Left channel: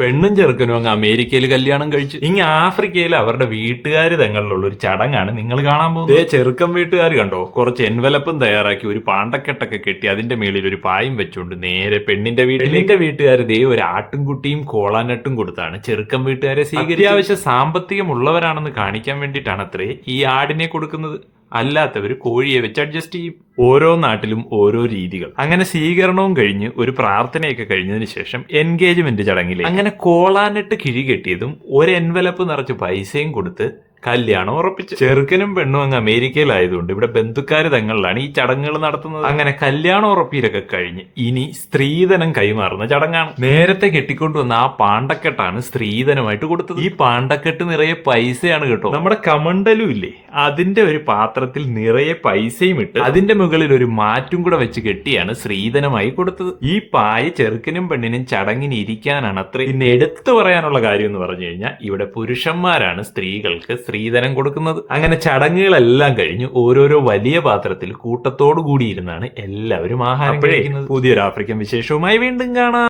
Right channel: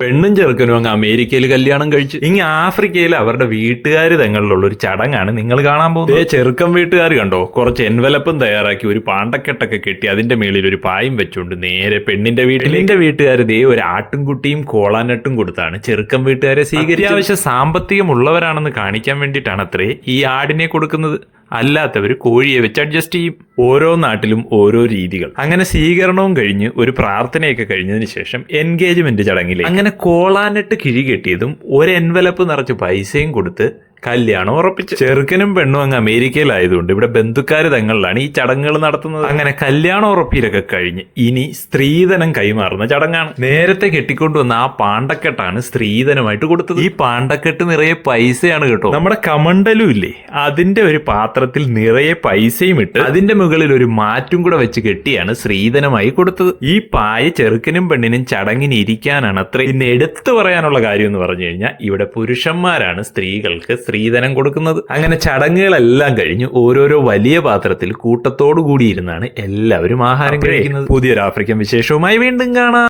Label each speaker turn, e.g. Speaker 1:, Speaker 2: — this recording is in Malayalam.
Speaker 1: പെണ്ണും ചെറുക്കനും അങ്ങ് അമേരിക്കയിൽ കല്യാണം കഴിച്ചു. ഇങ്ങ് ആഫ്രിക്കയിൽ അവരുടെ വീട്ടുകാർ തങ്ങളിലുള്ള ഒരു ചടങ്ങാണ് നിങ്ങൾ കാണാൻ പോകുന്നത്. ഏ ചെറുക്കൻ വീട്ടുകാർ കണ്ടോ? കുറച്ച് എൻവലപ്പും തയ്യാറാക്കി ഒരു പാണ്ടക്കെട്ടൊക്കെ കെട്ടി അതിന്റെ മേളിൽ ഒരു പായും വെച്ചുകൊണ്ട് നേരെ പെണ്ണിന്റെ വീട്ടിൽ എന്റെ വീട്ടുകാർ ദേ ഒരു ആട്ടുംകുട്ടിയും കോളാനട്ടും കൊടുത്താണ്. ചെറുക്കൻ വീട്ടുകാരെ സ്വീകരിച്ചത് അത്യാവശ്യം സാമ്പത്തികമുള്ളവരാണെന്ന് കാണിക്കാൻ വേണ്ടിയിട്ടാണ് അത്രേ ഈ ആടിനെ കൊടുക്കുന്നത്. അല്ലാത്തവർ കോഴിയെ വെച്ച് അഡ്ജസ്റ്റ് ചെയ്യും. ഓരോ നാട്ടിലും ഓരോ രീതികൾ. അങ്ങനെ സ്വീകരണവും കഴിഞ്ഞ് ഒരു പ്രാർത്ഥനയൊക്കെ കഴിഞ്ഞതിന് ശേഷം എൻഗേജ്മെന്റ് ചടങ്ങിൽ അങ്ങനെ കോളാനിട്ട് കിഴി കെട്ടിയതും ഒരു എൻവലപ്പ് നിറച്ച് പൈസയും കൊടുത്ത് കല്യാണം ഉറപ്പിച്ചു. ചെറുക്കനും പെണ്ണും അങ്ങ് അമേരിക്കയിലായതുകൊണ്ട് ഇവിടെ ബന്ധുക്കാർ തങ്ങളിലാണ് ഈ ചടങ്ങുകൾ നടത്തുന്നത്. അങ്ങനെ കല്യാണം ഉറപ്പിലൊക്കെ കഴിഞ്ഞ് ഇനി സ്ത്രീധനം കൈമാറുന്ന ചടങ്ങാണ്. നേരത്തെ കെട്ടിക്കൊണ്ടുവന്ന ആ പാണ്ടക്കെട്ടാണ് സ്ത്രീധനമായിട്ട് കൊടുത്തത്. ഈ പാണ്ടക്കെട്ട് നിറയെ പൈസയാണ് കേട്ടോ. നമ്മുടെ കമണ്ടലും ഇല്ലേ അതിന്റെ ഒരു പാത്രത്തിൽ നിറയെ പൈസയും ഇട്ട് അതിന്റെ മുകളിൽ ഒരു മാറ്റും കൂടെ വെച്ച് കെട്ടിയാണ് സ്ത്രീധനമായി കൊടുത്തത്. ഈ പായ ചെറുക്കനും പെണ്ണിനും ചടങ്ങിന് ഇരിക്കാനാണ് അത്ര. എടുത്തു പറയാനുള്ള കാര്യം എന്ന് പറഞ്ഞു കഴിഞ്ഞാൽ ഇവിടെ പുരുഷന്മാരാണ് സ്ത്രീകൾക്ക് സ്ത്രീധനം കൊടുക്കുന്നത്. അങ്ങനെ ചടങ്ങുകളെല്ലാം കഴിഞ്ഞ് ഓരോരോ വലിയ പാത്രത്തിൽ കൂട്ടത്തോടു കൂടി ഇരുന്നാണ് എല്ലാവരും ആഹാരം കഴിക്കുന്നത്. പുതിയൊരു ആഫ്രിക്കൻ വിശേഷവുമായി വീണ്ടും കാണാം.